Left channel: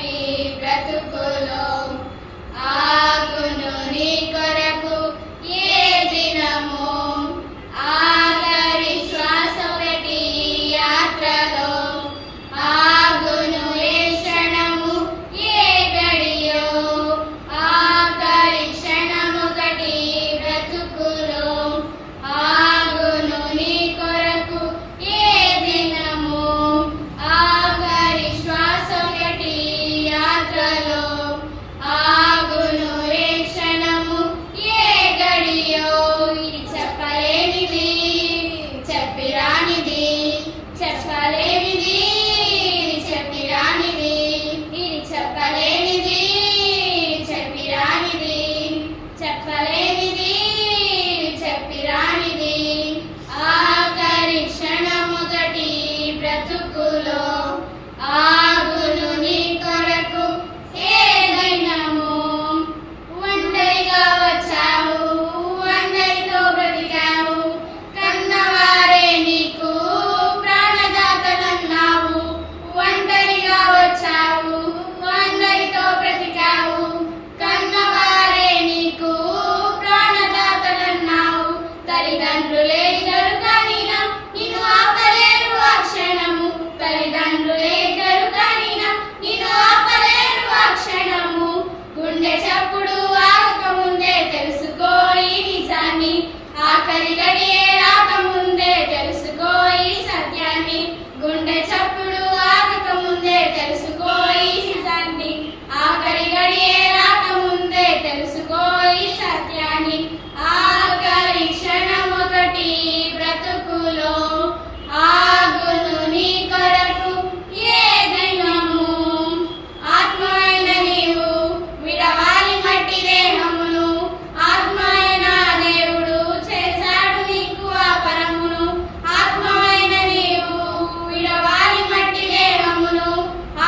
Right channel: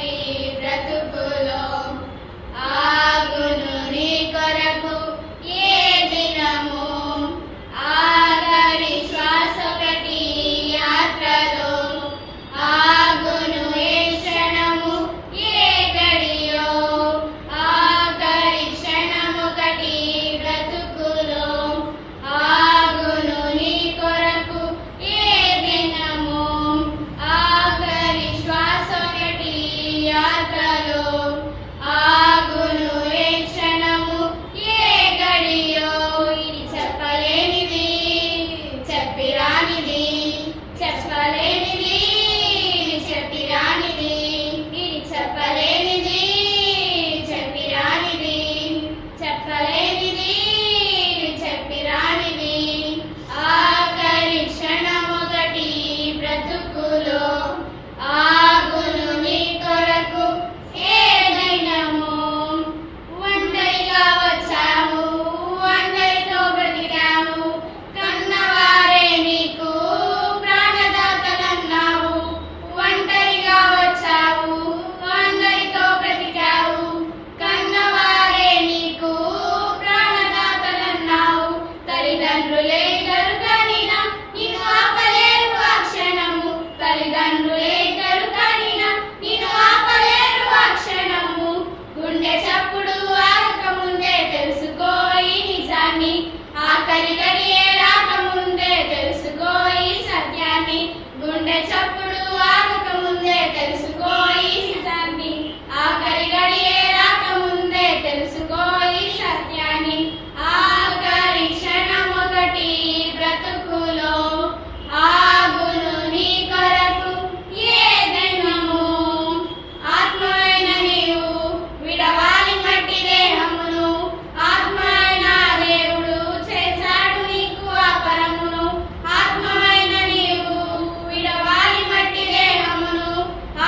ఆఖరి బ్రతుకులో ఆగును నీ కొరకు ఏ దినము ఆఖరి శ్వాస పెట్టి యాత్రలో ఆగును ఏ క్షణము ఏ గడియో ఆఖరి క్షణము కటి బ్రతుకులో ఆగును నీ కొరకు ఏ దినము ఆఖరి శ్వాస పెట్టి యాత్రలో ఆగును ఏ క్షణము ఏ గడియో ఇది చెప్పలేనిది చెప్పిరానిది చెప్పలేనిది ఇది చెప్పిరానిది ఇది చెప్పలేనిది చెప్పిరానిది చెప్పలేనిది ఇది చెప్పిరానిది ఆఖరి క్షణమొకటి బ్రతుకులో ఆగును నీ కొరకు ఏ దినము ఒంటరిగా వచ్చావు అందరితో బ్రతికావు కన్నవారే నీకు ప్రాణదాతలన్నావు ఒంటరిగా వచ్చావు అందరితో బ్రతికావు కన్నవారే నీకు ప్రాణదాతలన్నావు తల్లిదండ్రులే కరుకనినా నిన్ను ఆపలేరు ఆ క్షణము తల్లిదండ్రులే కరుకనినా నిన్ను ఆపలేరు ఆ క్షణము గుండె చప్పుడు ఆగకముందే తెలుసుకో ఈ నిజాన్ని ఆఖరి గడియే రాకముందే తెలుసుకో ఈ సత్యాన్ని గుండె చప్పుడు ఆగకముందే తెలుసుకో ఈ నిజాన్ని ఆఖరి గడియే రాకముందే తెలుసుకో ఈ సత్యాన్ని ఆఖరి క్షణమొకటి బ్రతుకులో ఆగును నీ కొరకు ఏ దినము ఆత్మైన నీవు విడవాలి మట్టి దేహమును ఆత్మైన దేవుడు చేశాడు నీకు ఆ పరమును ఆత్మైన నీవు విడవాలి మట్టి దేహమును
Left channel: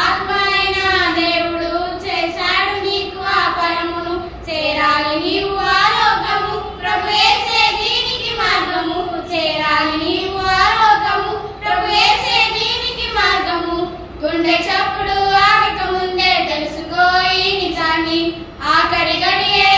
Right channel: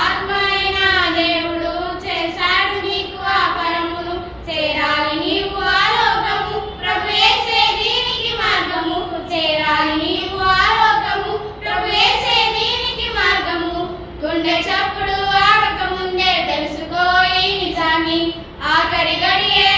ఆత్మైన దేవుడు చేశాడు నీకు ఆ పరమును చేరాలి నీవు ఆ లోకము ప్రభు యేసే దీనికి మార్గము చేరాలి నీవు ఆ లోకము ప్రభు యేసే దీనికి మార్గము గుండె చప్పుడు ఆగకముందే తెలుసుకో ఈ నిజాన్ని ఆఖరి గడియే